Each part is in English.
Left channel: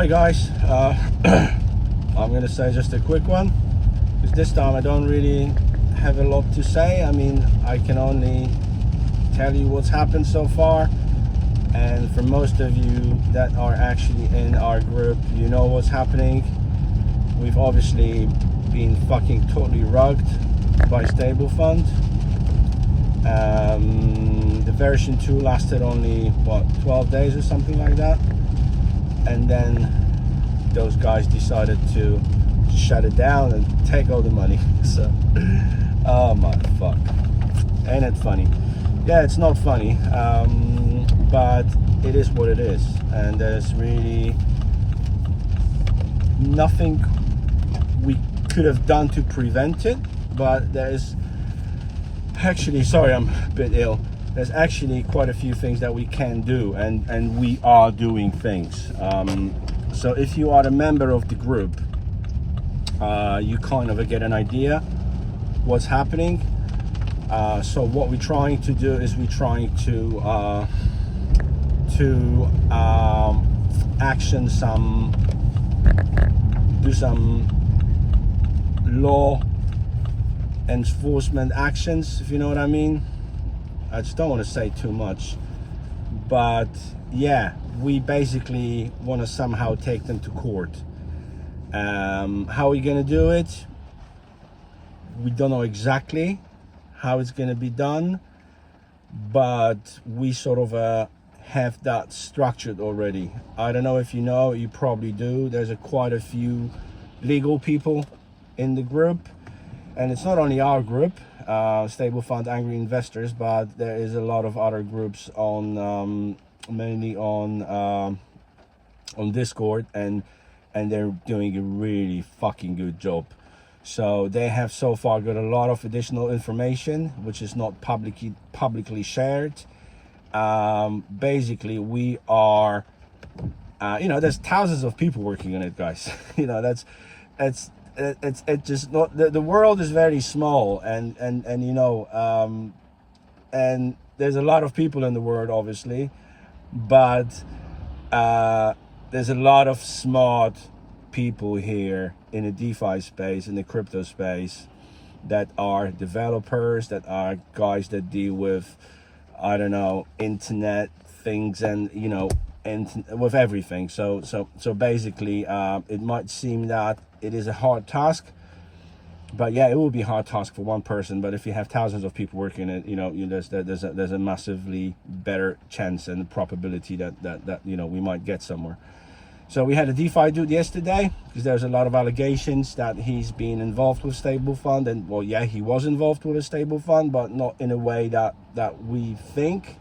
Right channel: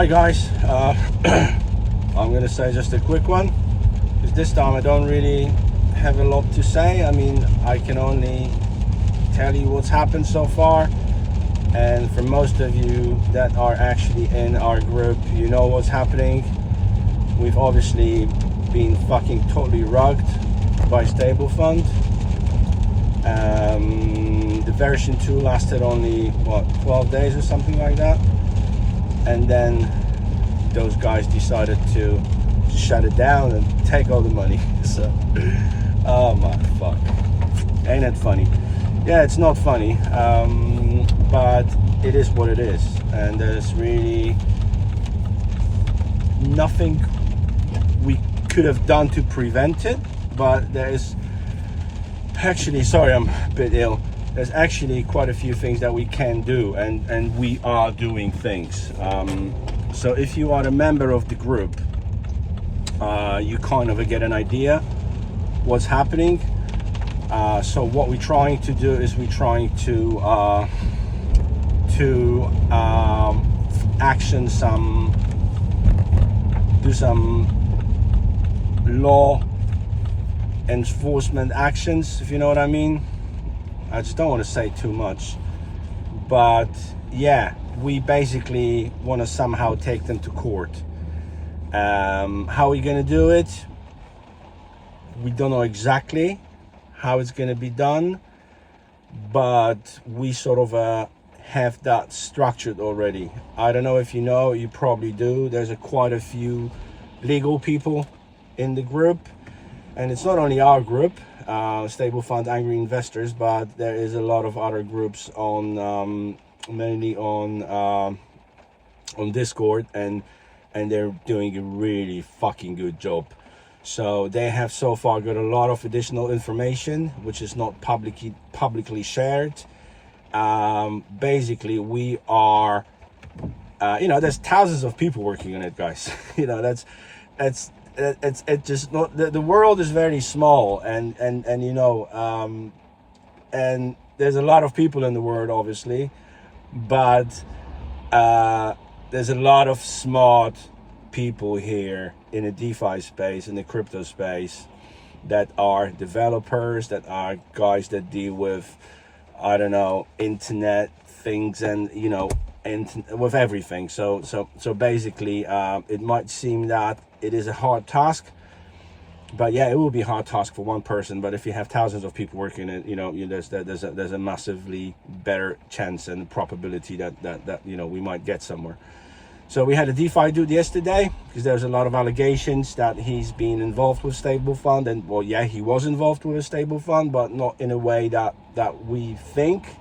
Hi guys, I'm gonna say just a quick one, because this time I don't really have a lot to say. I mean, I can only tell you what's happened so far, and for most of you that are actually in our group, you know what's happening. We've obviously been fucking totally rugged by StableFund. The version 2 lasted only, what, 12 days or something like that, and then those guys decided to shut it down and take all the money. So, oh my fuck, ain't it funny? Yeah, it's not funny, but it is what it is, and there's really nothing we could have done to prevent it. But there's actually, sorry, I'm a bit ill. There's actually quite a few things that we can do, and we are doing things. So if you are a member of the group, you kind of get an idea what's happening. So what we're trying to do is we're trying to action do some law enforcement actions, if you know what I mean. I just don't want to say too much, but yeah, we basically want to somehow take them to court. How are we going to do it? We don't know exactly how it's going to be done, but we sort of have that structured already. I don't know if you know, you probably do. There's quite a few legal people in the group, and it's not only our group, StableFund Angry Investors, but there is a lot of other groups on mainly on Discord, and they're doing a really fucking good job. So they have so far got a lot of additional information which is not publicly shared. Basically, we are there's thousands of people working on it, guys. It's just not, the world is very small, and and there's a lot of people in the world, obviously, but there's a lot of smart people here in the DeFi space, in the crypto space, that are developers, that are guys that deal with, I don't know, internet things, and and with everything. So basically, it might seem that it is a hard task, but yeah, it will be a hard task for one person. But if you have thousands of people working it, there's a massively better chance and probability that we might get somewhere. So we had a DefiDude yesterday, because there's a lot of allegations that he's been involved with StableFund, and well, yeah, he was involved with a StableFund, but not in a way that we think,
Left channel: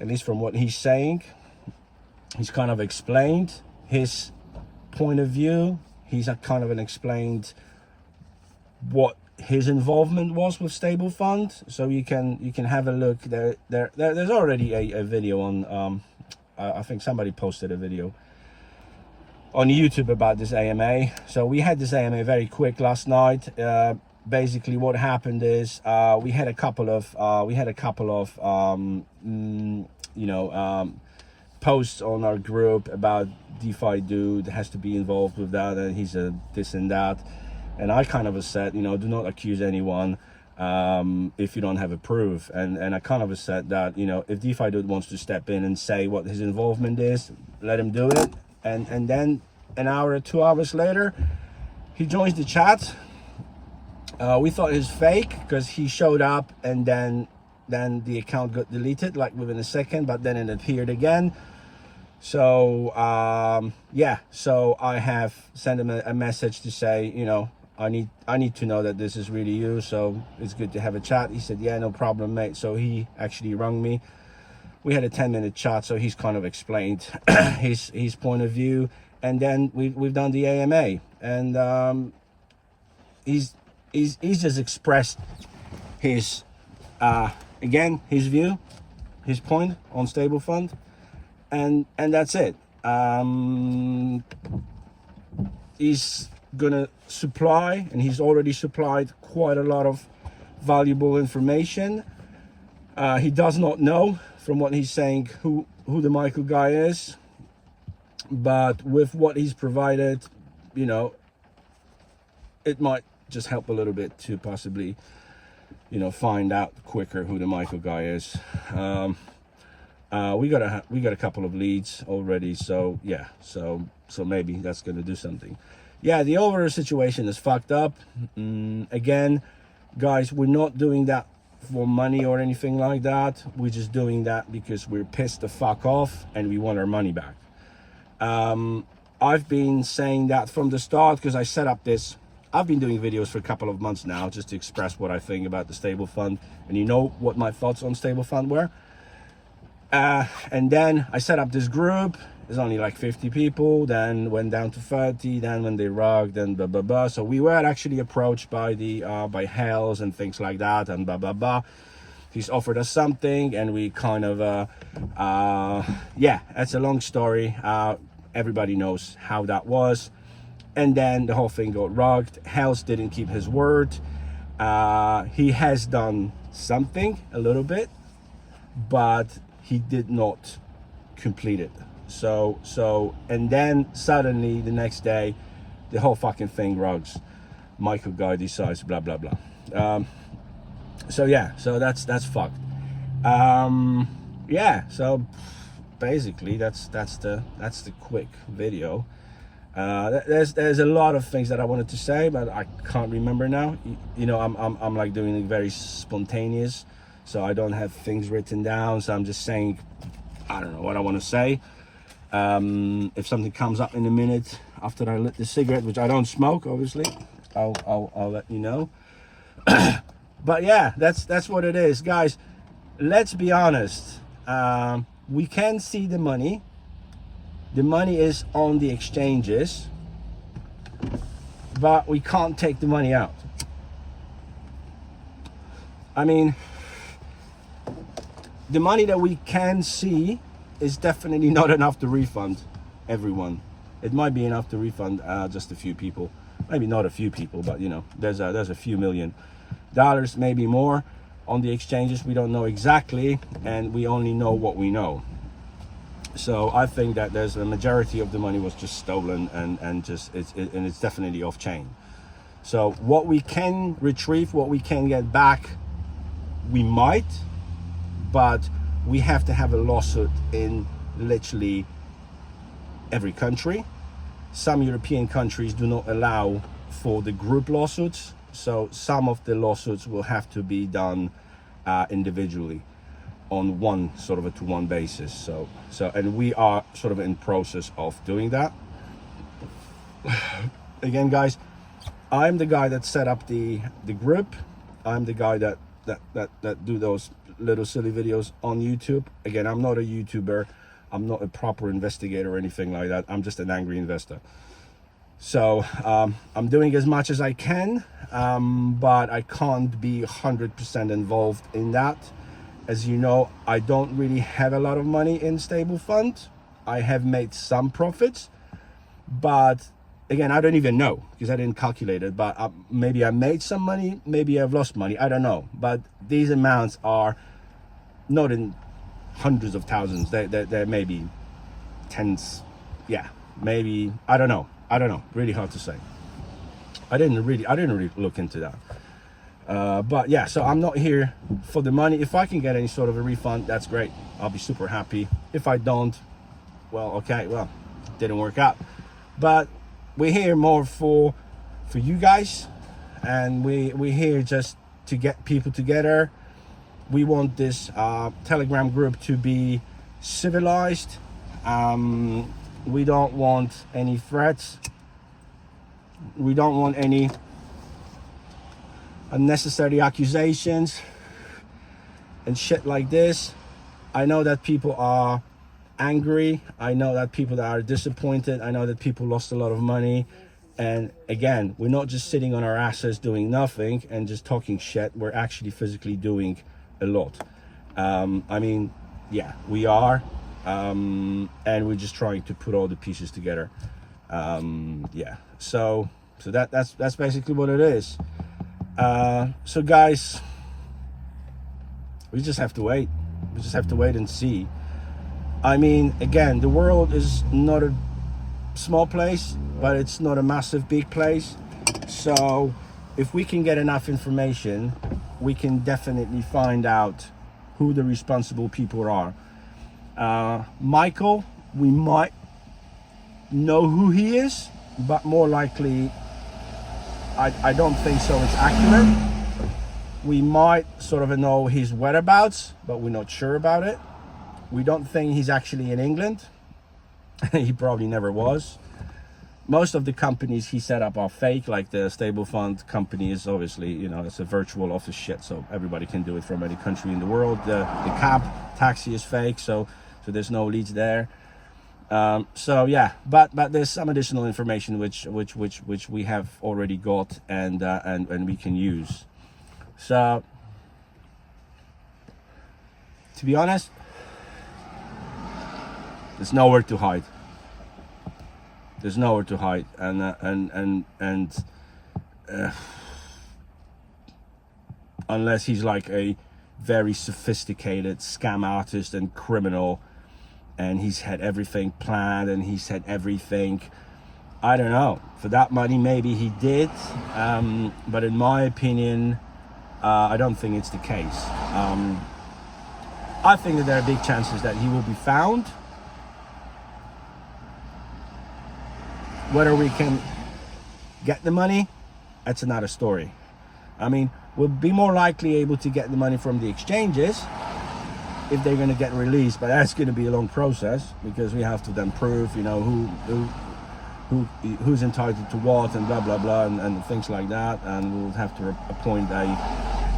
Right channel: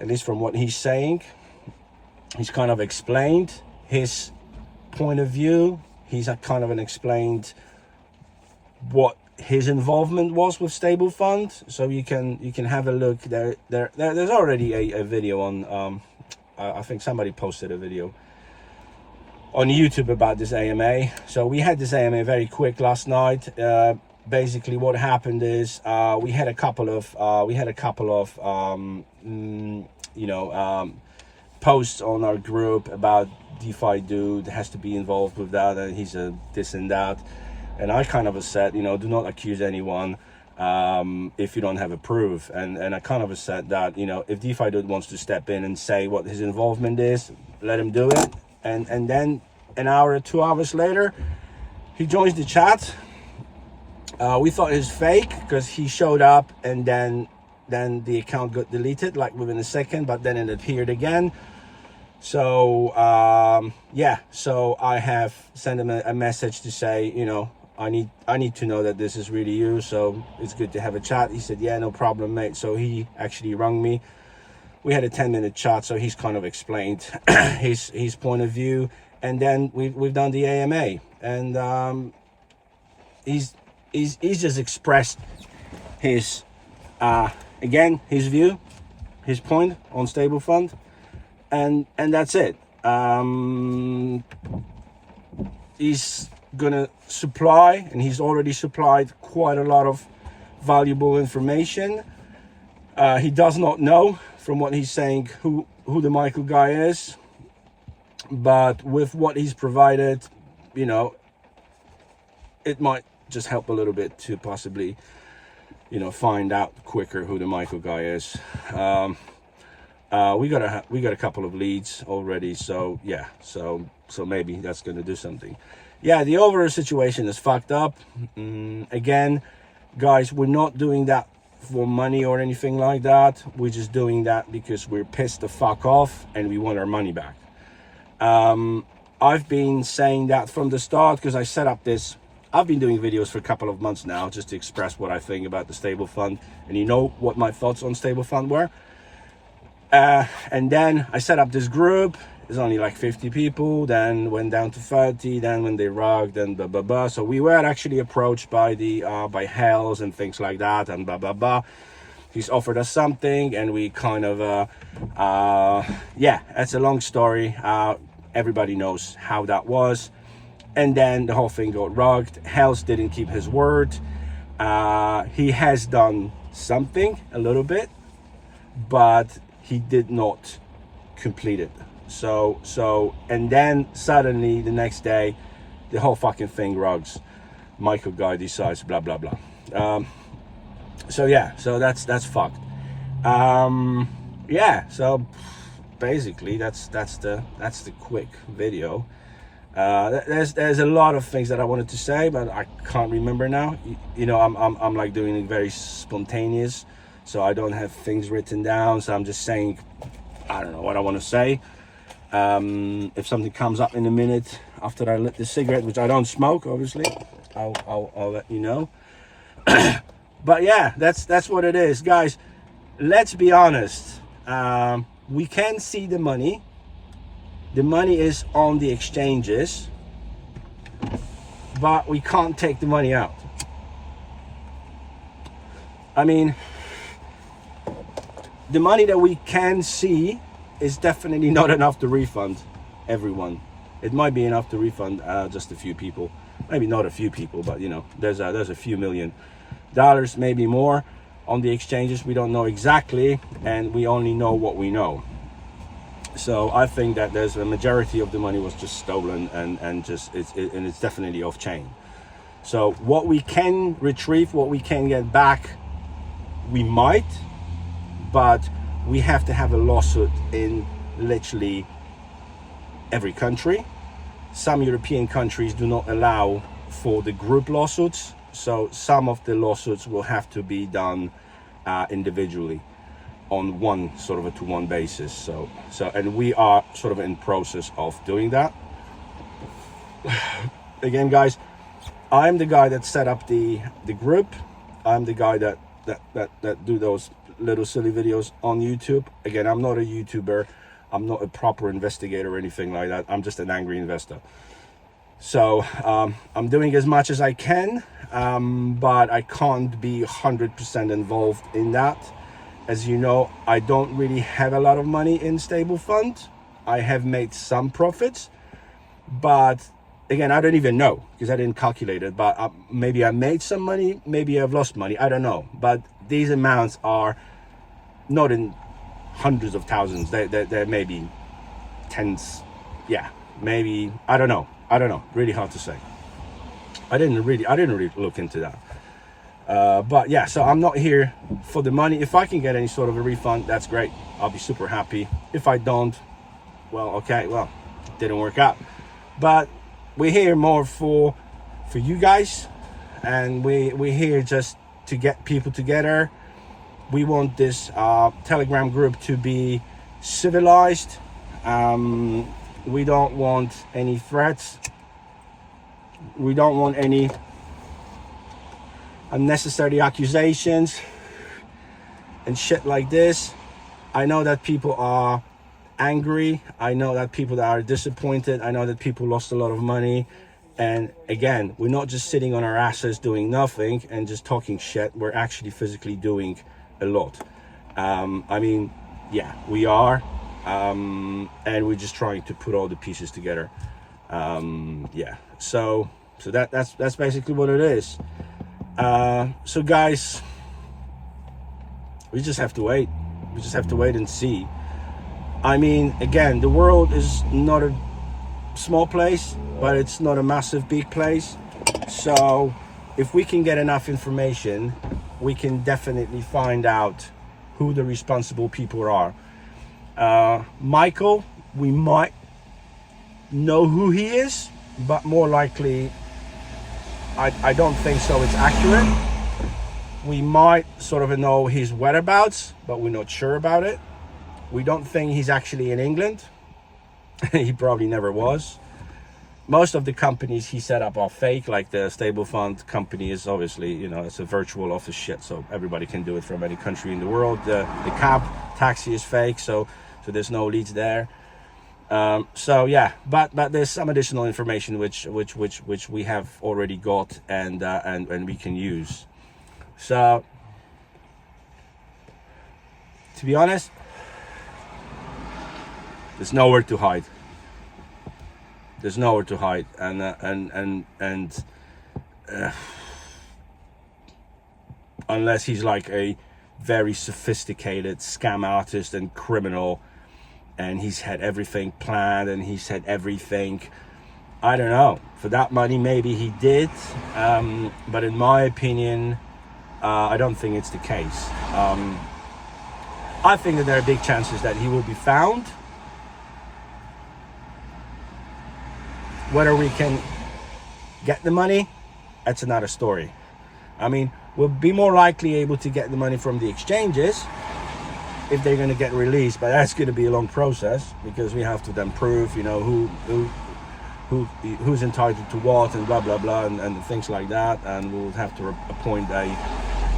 at least from what he's saying. He's kind of explained his point of view. He's kind of explained what his involvement was with StableFund. So you can have a look. There's already a video on. I think somebody posted a video on YouTube about this AMA. So we had this AMA very quick last night. Basically, what happened is we had a couple of posts on our group about DefiDude has to be involved with that, and he's a this and that. And I kind of said, do not accuse anyone if you don't have a proof. And I kind of said that, if DefiDude wants to step in and say what his involvement is, let him do it. And then an hour or 2 hours later, he joins the chat. We thought it was fake, because he showed up and then the account got deleted like within a second, but then it appeared again. So yeah, so I have sent him a message to say, I need to know that this is really you, so it's good to have a chat. He said, yeah, no problem, mate. So he actually rang me. We had a 10-minute chat, so he's kind of explained his point of view, and then we've done the AMA, and he's just expressed his again, his view, his point on StableFund, and that's it. He's gonna supply, and he's already supplied quite a lot of valuable information. He does not know, from what he's saying, who the Michael guy is. but with what he's provided, you know, it might just help a little bit to possibly, you know, find out quicker who the Michael guy is. We got a couple of leads already, so yeah, so maybe that's gonna do something. Yeah, the overall situation is fucked up. Again, guys, we're not doing that for money or anything like that. We're just doing that because we're pissed the fuck off and we want our money back. I've been saying that from the start because I set up this. I've been doing videos for a couple of months now just to express what I think about the StableFund, and you know what my thoughts on StableFund were. And then I set up this group. There's only like 50 people, then went down to 30, then when they rugged, then blah blah blah. So we were actually approached by the by Hells and things like that, and blah blah blah. He's offered us something, and we kind of yeah, that's a long story. Everybody knows how that was. And then the whole thing got rugged. Hells didn't keep his word. He has done something a little but he did not complete it. So and then suddenly the next day the whole fucking thing rugs. Michael guy decides blah blah blah. So yeah, so that's fucked. Yeah, so basically that's the quick video. There's a lot of things that I wanted to say, but I can't remember now. You know, I'm like doing it very spontaneous, so I don't have things written down. So I'm just saying, I don't know what I want to say. If something comes up in a minute after I lit the cigarette, which I don't smoke, obviously, I'll let you know. But yeah, that's what it is, guys. Let's be honest. We can see the money. The money is on the exchanges, but we can't take the money out. I mean, the money that we can see is definitely not enough to refund everyone. It might be enough to refund just a few people. Maybe not a few people, but you know, there's a few $million, maybe more on the exchanges. We don't know exactly, and we only know what we know. So I think that there's a majority of the money was just stolen and it's definitely off chain. So what we can retrieve, what we can get back, we might, but we have to have a lawsuit in literally every country. Some European countries do not allow for the group lawsuits, so some of the lawsuits will have to be done individually on one sort of a to-one basis. So and we are sort of in process of doing that. Again, guys, I'm the guy that set up the group. I'm the guy that do those little silly videos on YouTube. Again, I'm not a YouTuber. I'm not a proper investigator or anything like that. I'm just an angry investor. So I'm doing as much as I can, but I can't be 100% involved in that. As you know, I don't really have a lot of money in StableFund. I have made some profits, but again, I don't even know because I didn't calculate it. But maybe I made some money, maybe I've lost money. I don't know. But these amounts are not in hundreds of thousands. They're maybe tens. Yeah, maybe. I don't know. Really hard to say. I didn't really look into that. But yeah, so I'm not here for the money. If I can get any sort of a refund, that's great. I'll be super happy. If I don't, well, okay, well, it didn't work out. But we're here more for you guys, and we're here just to get people together. We want this Telegram group to be civilized. We don't want any threats. We don't want any unnecessary accusations and shit like this. I know that people are angry. I know that people that are disappointed. I know that people lost a lot of money. And again, we're not just sitting on our asses doing nothing and just talking shit. We're actually physically doing a lot. I mean, yeah, we are. And we're just trying to put all the pieces together. Yeah, so that's basically what it is. So guys, we just have to wait. We just have to wait and see. I mean, again, the world is not small place, but it's not a massive big place. So if we can get enough information, we can definitely find out who the responsible people are. Michael, we might know who he is, but more likely, I don't think so it's accurate. We might sort of know his whereabouts, but we're not sure about it. We don't think he's actually in England. He probably never was. Most of the companies he set up are fake, like the StableFund company is obviously, you know, it's a virtual office shit, so everybody can do it from any country in the world. The cab taxi is fake, so there's no leads there. So yeah, but there's some additional information which we have already got and we can use. So to be honest, there's nowhere to hide. There's nowhere to hide, and unless he's like a very sophisticated scam artist and criminal, and he's had everything planned and he's had everything, I don't know. For that money, maybe he did, but in my opinion, I don't think it's the case. I think that there are big chances that he will be found. Whether we can get the money, that's another story. I mean, we'll be more likely able to get the money from the exchanges if they're going to get released, but that's going to be a long process because we have to then prove, you know, who's entitled to what and blah blah blah and things like that, and we'll have to appoint a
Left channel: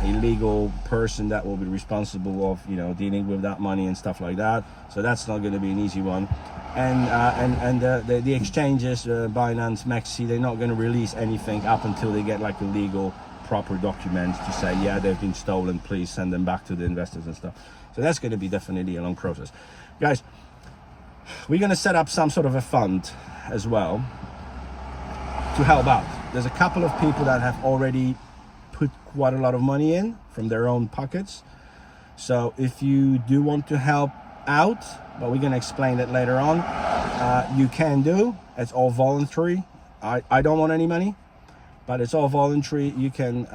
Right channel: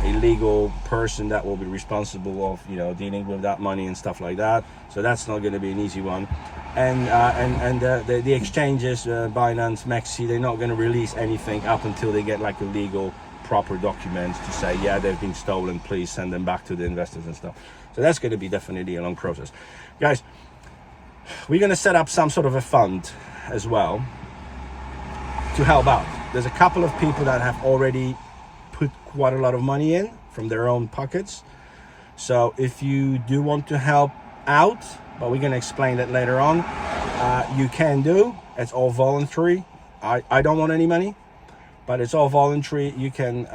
legal person that will be responsible of, you know, dealing with that money and stuff like that. So that's not going to be an easy one. And the exchanges, Binance, Maxi, they're not going to release anything up until they get like a legal proper document to say, yeah, they've been stolen, please send them back to the investors and stuff. So that's going to be definitely a long process. Guys, we're going to set up some sort of a fund as well to help out. There's a couple of people that have already put quite a lot of money in from their own pockets. So if you do want to help out, but we're going to explain that later on, you can do. It's all voluntary. I don't want any money, but it's all voluntary. You can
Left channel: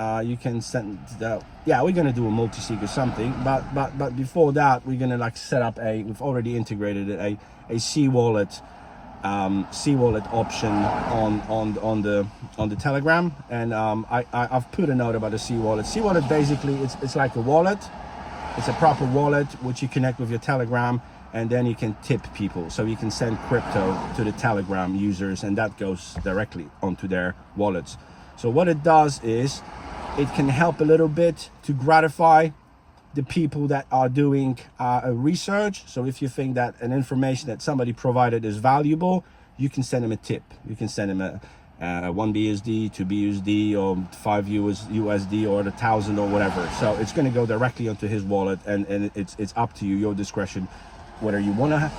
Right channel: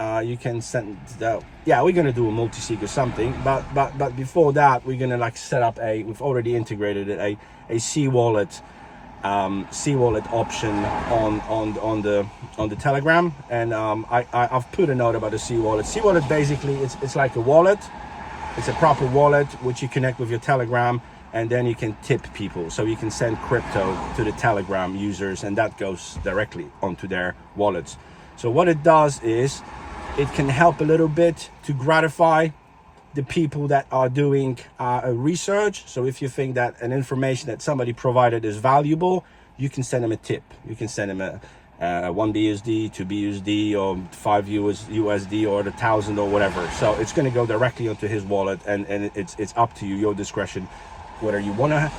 send that. Yeah, we're going to do a multi-sig or something, but before that, we're going to like set up we've already integrated it, a C-wallet option on the Telegram, and I've put a note about the C-wallet. C-wallet basically it's like a wallet. It's a proper wallet which you connect with your Telegram, and then you can tip people. So you can send crypto to the Telegram users, and that goes directly onto their wallets. So what it does is it can help a little bit to gratify the people that are doing research. So if you think that an information that somebody provided is valuable, you can send them a tip. You can send them a 1 BUSD, 2 BUSD, or 5 USD, or 1,000 or whatever. So it's going to go directly onto his wallet, and it's up to you, your discretion, whether you want to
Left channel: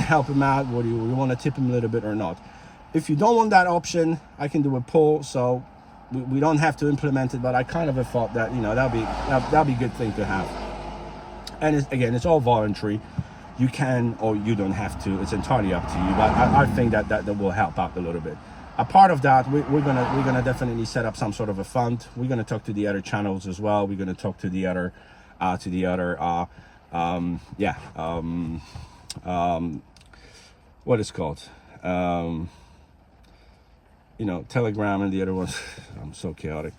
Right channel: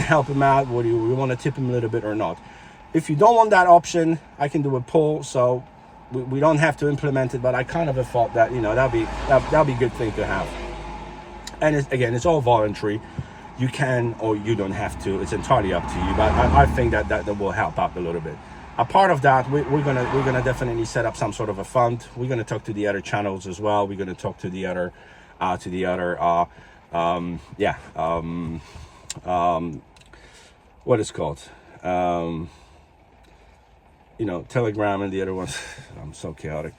help him out, whether you want to tip him a little bit or not. If you don't want that option, I can do a poll, so we don't have to implement it, but I kind of thought that, you know, that'll be a good thing to have. And it's all voluntary. You can or you don't have to. It's entirely up to you. But I think that will help out a little bit. A part of that, we're gonna definitely set up some sort of a fund. We're gonna talk to the other channels as well. We're gonna talk to the other what is called, you know, Telegram and the other one. I'm so chaotic.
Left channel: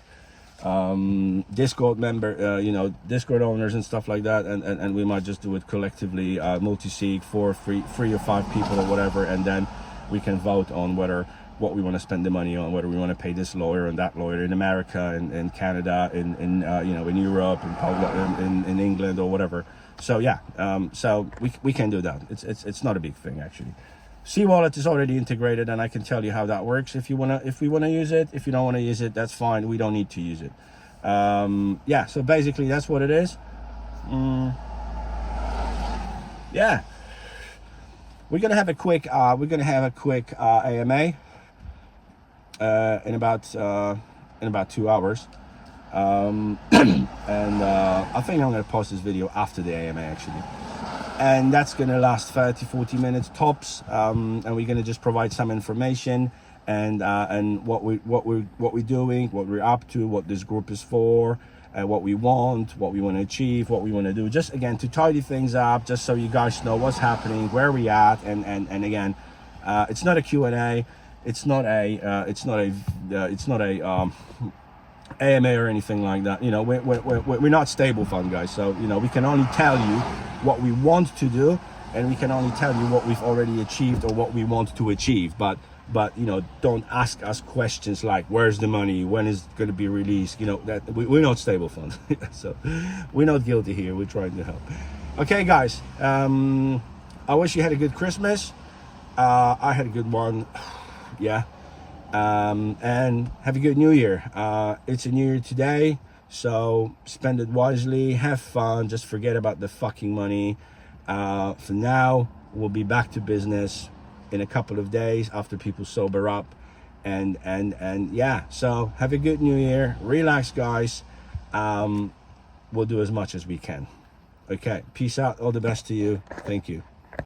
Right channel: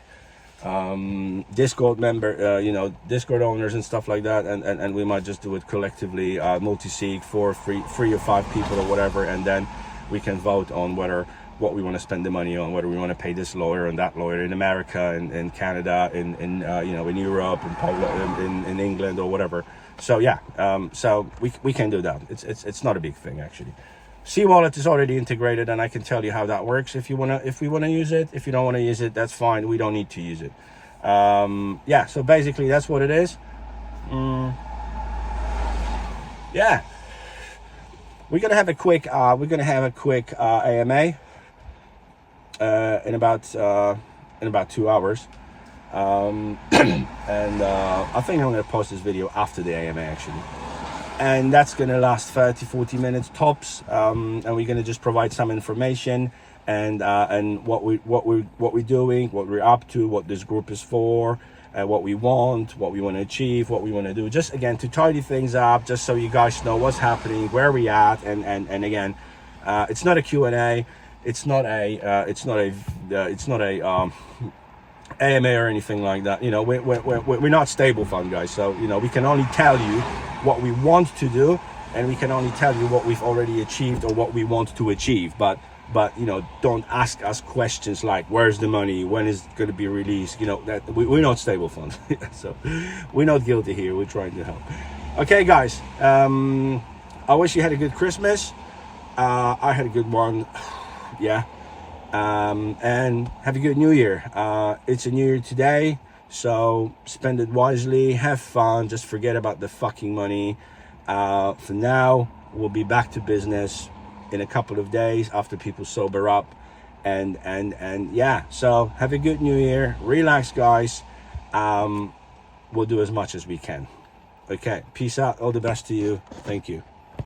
Discord member, you know, Discord owners and stuff like that, and we might just do it collectively, multi-sig for 3 or 5 people or whatever, and then we can vote on what we want to spend the money on, whether we want to pay this lawyer and that lawyer in America, in Canada, in you know, in Europe, in Poland, in England or whatever. So yeah, so we can do that. It's not a big thing actually. C-wallet is already integrated, and I can tell you how that works if we wanna use it. If you don't want to use it, that's fine. We don't need to use it. Yeah, so basically that's what it is. Yeah, we're gonna have a quick AMA in about 2 hours, and I think I'm gonna post this video after the AMA actually. and that's going to last 30-40 minutes tops, and we're going to just provide some information and what we're doing, what we're up to, what this group is for, what we want to achieve, what we want to do, just again to tidy things up, just so you guys know what's happening, where we at, and again, it's not a Q&A, it's not a AMA or anything like that. You know, we're not StableFund guys, so you know, we can only tell you what we want to do, and we can only tell you what we've already achieved or what we want to achieve, but you know, don't ask us questions like where's the money, when is it going to be released. You know, that we're not StableFund. So we're not guilty here, we're trying to help. Okay guys, I wish you had a good Christmas. I had a good one. Yeah. And have a good new year. It's a new year today, so spend it wisely, have fun, just forget about the fucking money. For now, we'll be back to business in a couple of days after people sober up, and yeah, so have a good new year, relax guys. We'll do as much as we can. Okay, peace out, all the best to you, thank you.